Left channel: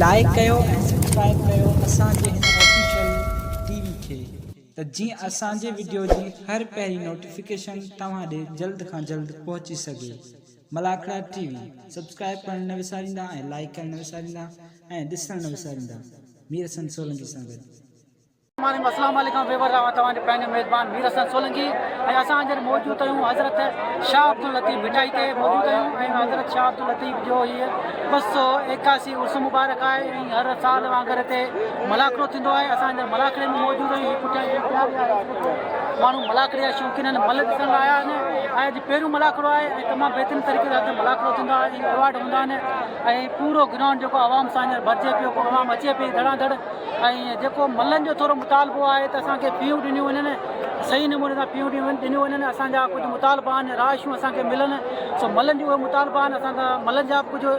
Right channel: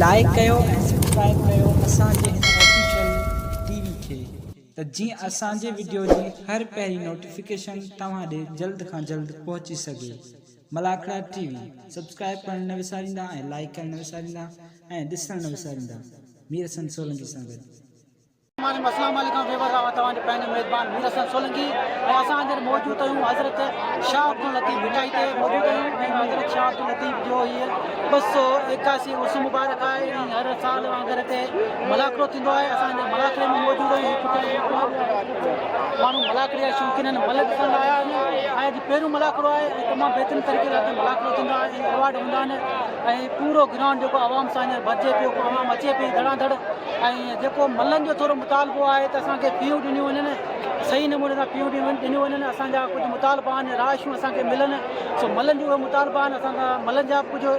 Like कयो ऐं subscribe कयो असांजे हिन ऑफिशियल टीवी खे त जीअं असांजे वीडियो जी हर पहिरीं नोटिफिकेशन तव्हां ॾे जल्द खां जल्द पहुची सघे। मलाखड़ा टीवी सब्सक्राइब करण न विसारींदा ऐं लाइक करण न विसारींदा ऐं ॾिसण न विसारींदा। मीर हसन सोलंकी सां गॾु। अस्सलाम वालेकुम वेवर तव्हांजो पंहिंजो मेज़बान मीर हसन सोलंकी ऐं असां हींअर मौजूदु आहियूं हज़रत शाह अब्दुल लतीफ़ भिटाई ते मौजूदु आहियूं ऐं हज़रत शाह अब्दुल लतीफ़ जो हीअ 281 उर्स मुबारक आहे ऐं हर साल वांगुरु हिते मलाखड़ो थींदो आहे। असां हींअर मलाखड़े में मौजूदु आहियूं। माण्हू मलाखड़े जा शौक़ीन आहिनि, मल ॾिसण लाइ आया आहिनि ऐं अॼु पहिरियों मलाखड़ो आहे ऐं तमामु बहितरीन तरीक़े सां हिते मलाखड़ो थींदो आहे ऐं अवार्ड हूंदा आहिनि ऐं पूरो ग्राउंड जेको आवाम सां हींअर भरिजे पियो, आवाम अचे पई धड़ाधड़ ऐं जेको मलनि जो थोरो मुतालबो आहे त असांखे फ़ियूं ॾिनियूं वञनि, सही नमूने सां फ़ियूं ॾिनियूं वञनि। असांजा कुझु मुतालबा आहिनि, राशियूं असांखे मिलनि, सो मलनि जो उहे मुतालबा आहिनि। असां मलनि जा बि कुझु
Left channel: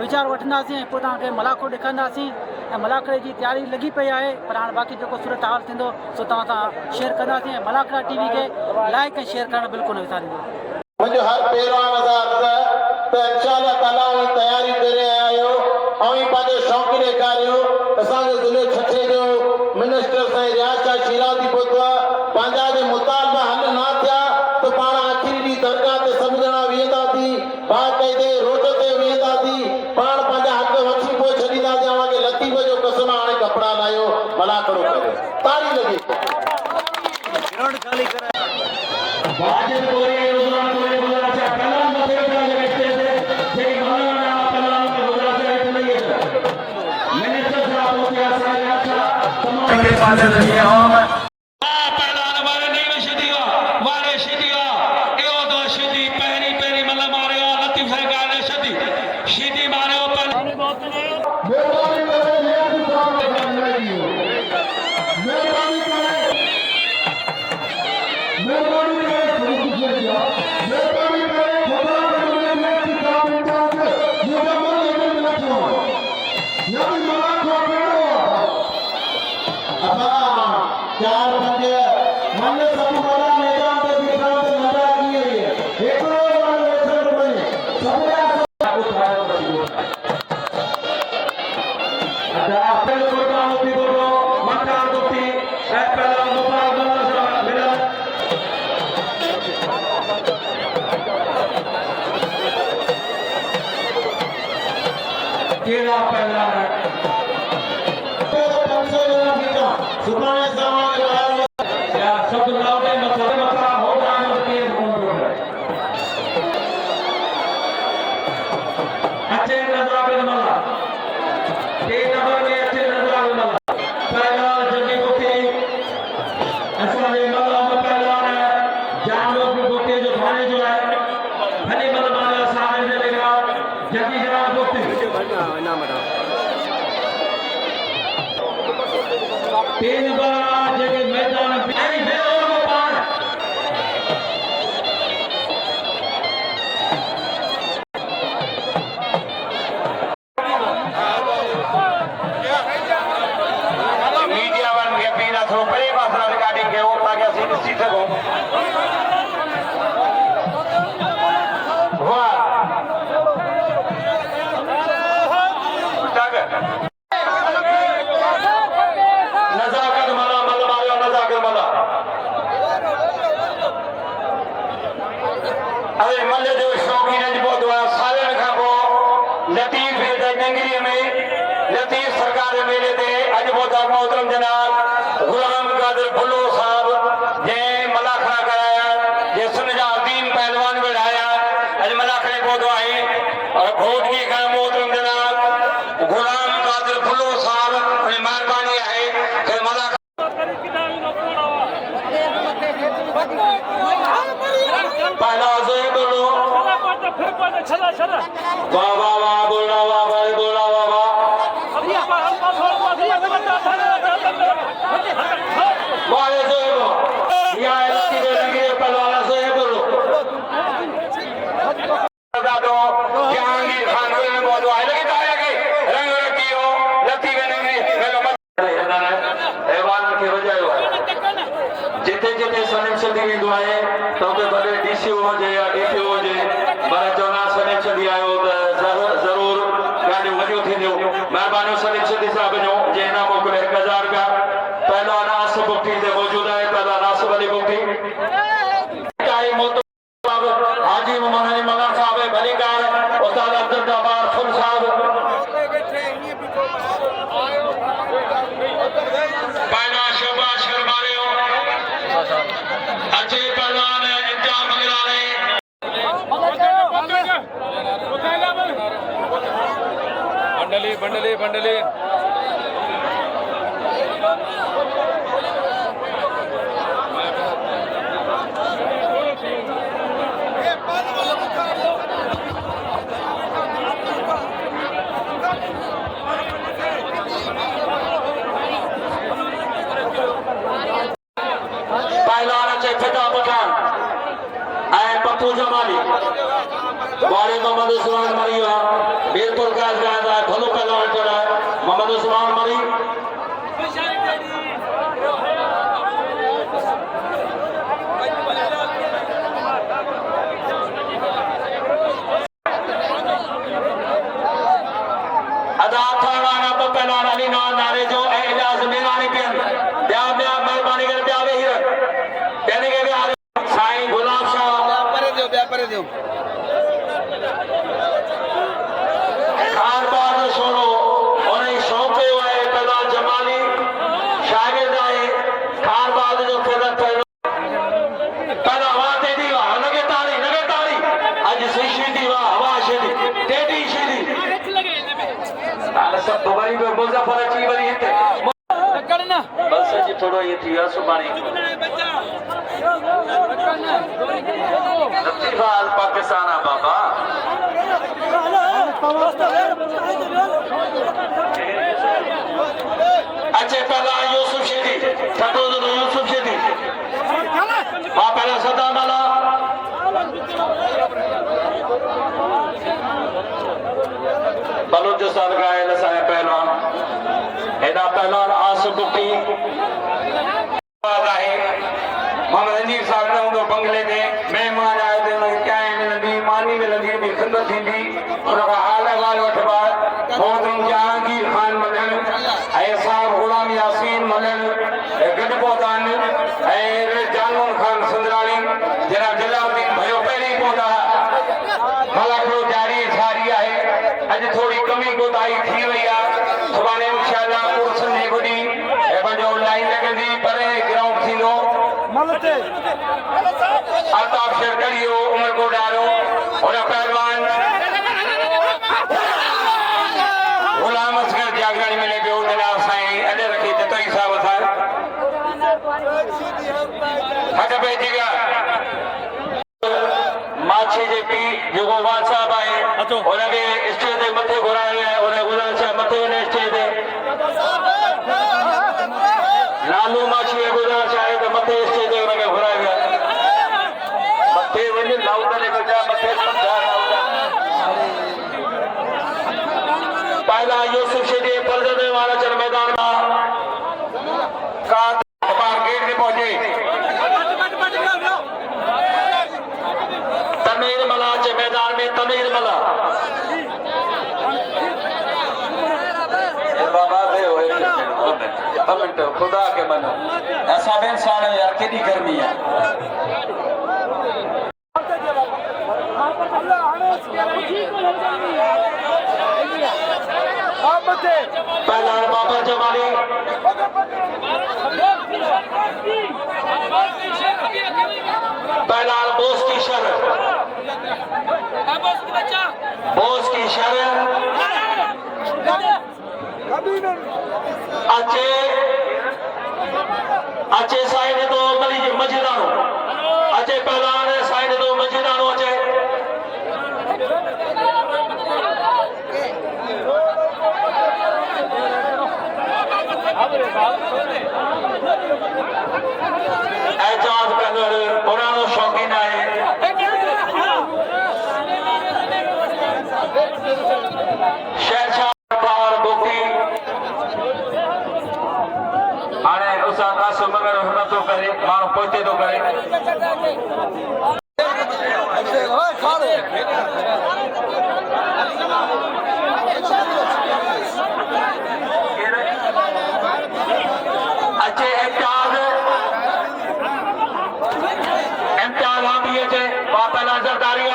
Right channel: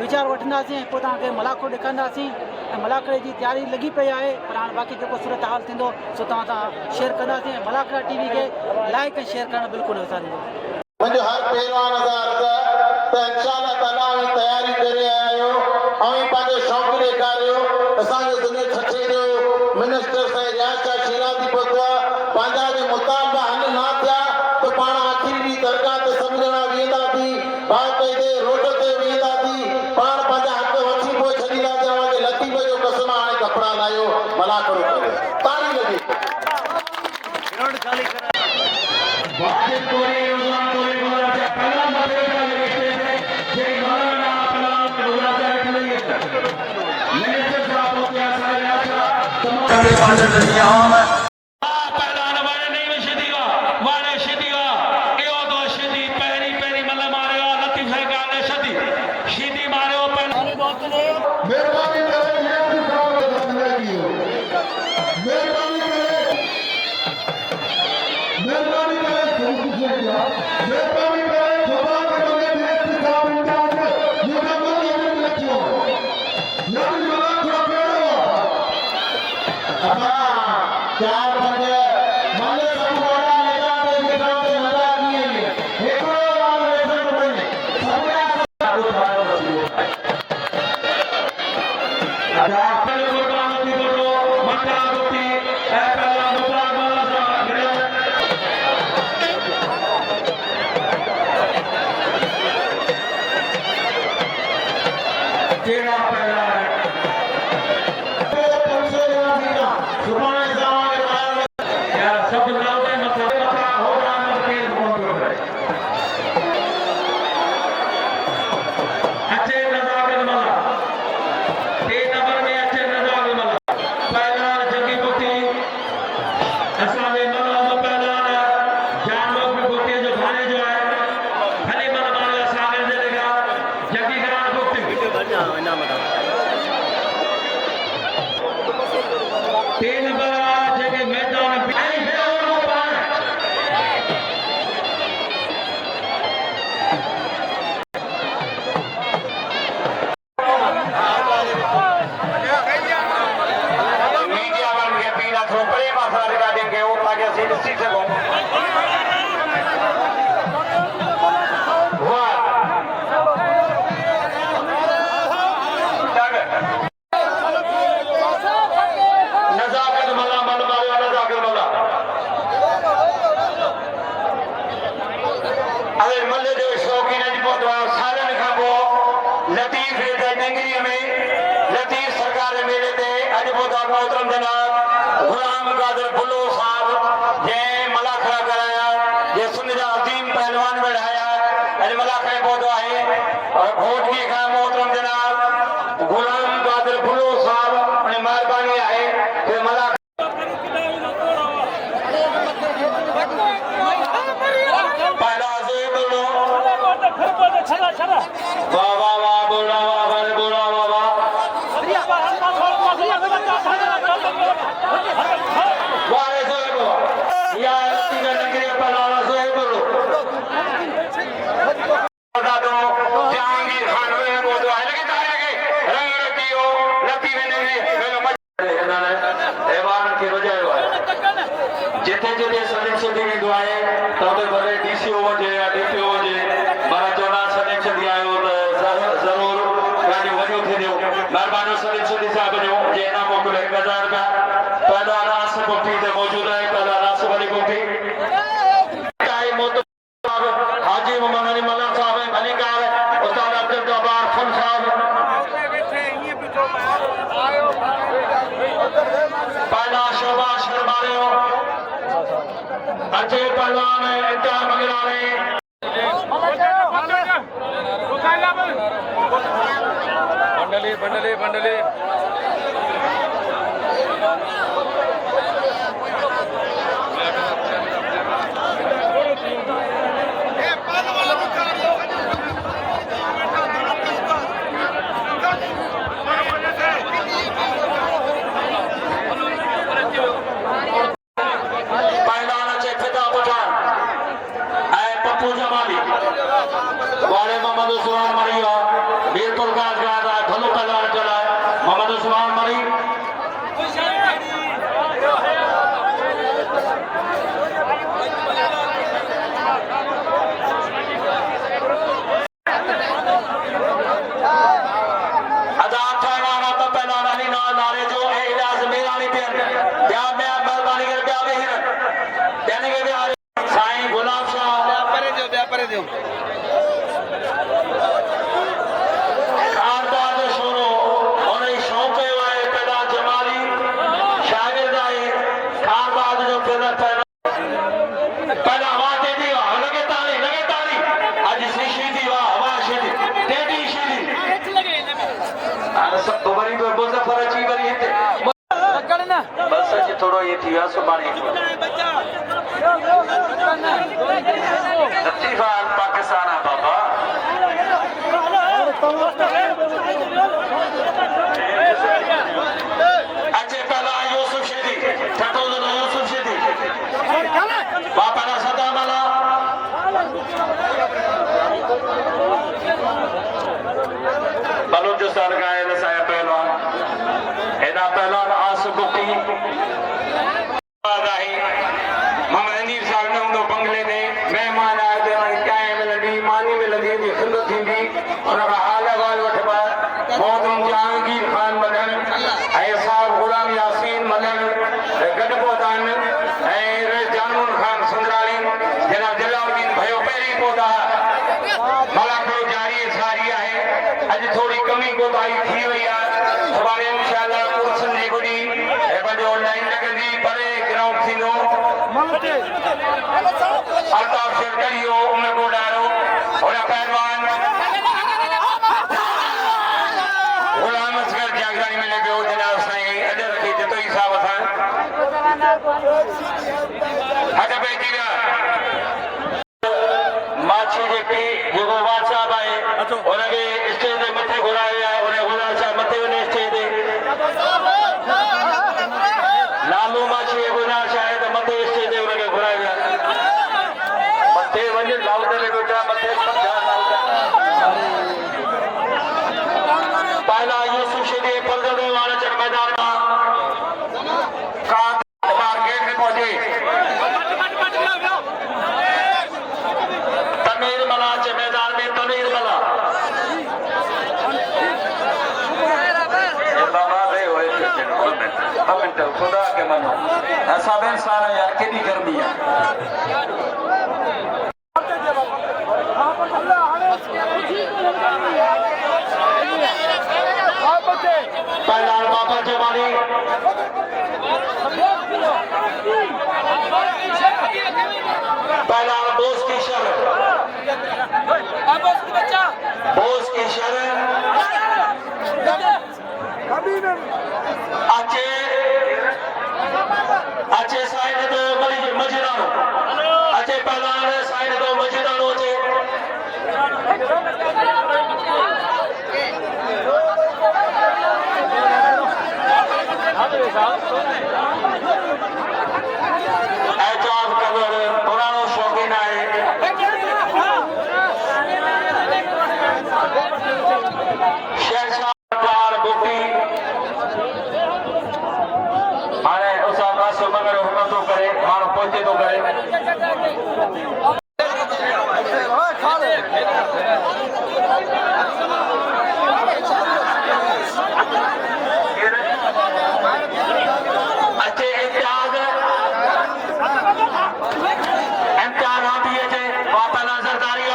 वीचार वठंदासीं ऐं पोइ तव्हांखे मलाखड़ो ॾेखारींदासीं ऐं मलाखड़े जी तयारी लॻी पई आहे, पर हाणे बाक़ी जेको सूरत हाल थींदो सो तव्हां सां शेयर कंदासीं ऐं मलाखड़ा टीवी खे लाइक ऐं शेयर करणु बिल्कुलु न विसारींदो। मुझे हर प्रोग्राम तो इंशाल्लाह ताला तैयारी करे आयो और पाजे शौक ॾेखारियो। असांजे ज़िले छठे जो मिनिस्टर साईं रियाज़ शिराज़ी पहुता पंहिंजा जे मुतालबा हल ना थिया तो पाण आखिरी ॾींहुं दरगाह ते सभु ॼणा वेंदासीं, बाक़ाइदे रोड ते वेंदासीं, पाण पंहिंजा हक़ वठी पोइ छॾींदासीं। अवांखे लतीफ़ जो कसम हाणे कपिड़ा लायो मलाखड़ो करे तारी लॻी जिते जिते सलेक्शन थी वेंदो आहे त भले डीसीओ हुजे या डीपीओ हुजे, मां चवंदा सलेक्शन थी आयो त हाजी मोहम्मद अली मगर साहब भलीकार उस्ताद अब्दुल जब्बार खान साहब पहला शोभा शर्मारियो अच्छे पहलवान इम्तिहान मंगलाने बंडली बंडली बंडली पप्पू जमाली वाले मोहम्मद उस्मान मरिया बिल्कुल काज गाना भलो पहलवान चला मोहम्मद उस्मान मरी अदा थाना ना तो पहलवान अली ना नारे जो इजाज मेरा नहीं पियन क्या मैं मेहरबानी कर क्या वे हीर कहने के भी साईं गुलाब शाह करे दे खानदान छोड़ो और शौके वाले पैदा जमाली शागिर्द आए खानदान जो पैदा हवा दे दी लगे ताली आज शीशी दी वाह हवा शीदी टेडी शीदी अरे सब दोबारी को बोलता फरा ची बरी हिते बस जी थोड़ो ये थी सुबानी इत्तिफाक पाकिस्तान बाबा अच्छे पहला यूसुफ शेदी फटोज यूसुफ शेदी वहां पहला सदा माला बलूचिस्तान का है साया पहलवान एना पहलवान आसिफ बुकी मोहम्मद अनीफ साहब ने उनको बंगले में मेहमान आए थे उन्हें क्या मिलंदी मानी मिलंदी भी खिदमत थींदी उनका हाल अहवाल वठबा मोहतरम जहांगीर खान मदन ऐं साहब गुलाम यासीन मदन गॾु पहुता आहिनि ऐं जानून खान सुंदराणी जनाब जलालुद्दीन भयो पहिरीं पहुता मलापुर जारी सारी आहे अॼु थोरी कमी कोताही थी वई आहे सुभाणे इंशाअल्लाह कुर्सन जे गुॾी ऐं पंहिंजो लाइन लॻंदी परे ग्राउंड थींदो अल्ताफ शेरकरियो उमरको डायरो और पहलवान गुलाम असगर जागरानी मिले पियो जनाब साईं अॾ रखी जतोई साहब सां अॾ पे थी विया माछी जेकी जेको वाल साहब आहे उनखे स्टेज ते मथे घुरायो वियो आहे उन गुलाम साहब मथे वञे स्टेज ते नालो माछी गुलाम साहब त मथे स्टेज ते उनखे घुरायो वियो आहे मथे वञ लाउडर को जा मथे समझा लाउडर पहला यूसुफ शेदी पर्दे वाला चर मैदान का गेट में पहुंचे तमीर मला के मैदान में तमीर मला बाबा दे मिनट खुदा के मनो ऐसा में इंसान यार केडी गर्मी है पहला बाबा जमाली पहला बोस की शर्त बोस की शर्त अच्छे साइड तो मजीदानो अच्छे पहला साइड तो मजीदानो अच्छे एजाज कलर पुरानो शौकीन है शेरशाह पार बुकी हाणे उसा कासो मगर हुन तो करे माण्हू पहुचे तो करे अच्छे इम्तियाज आप ये थे वापस नजरदारी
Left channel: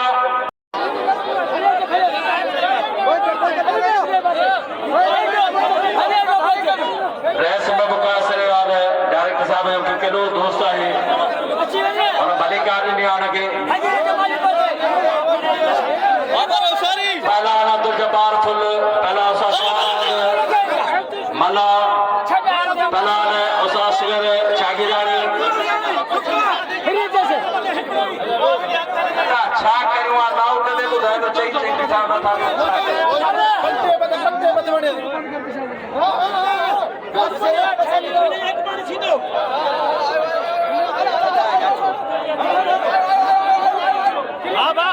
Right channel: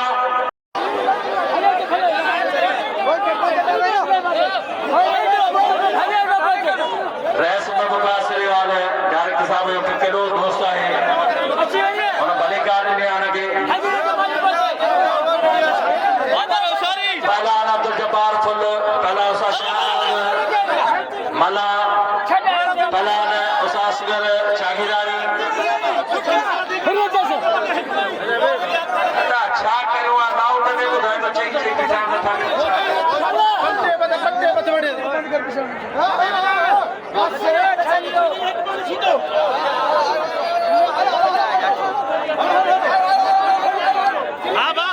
चईं इंतजाम असांखे हाँ बा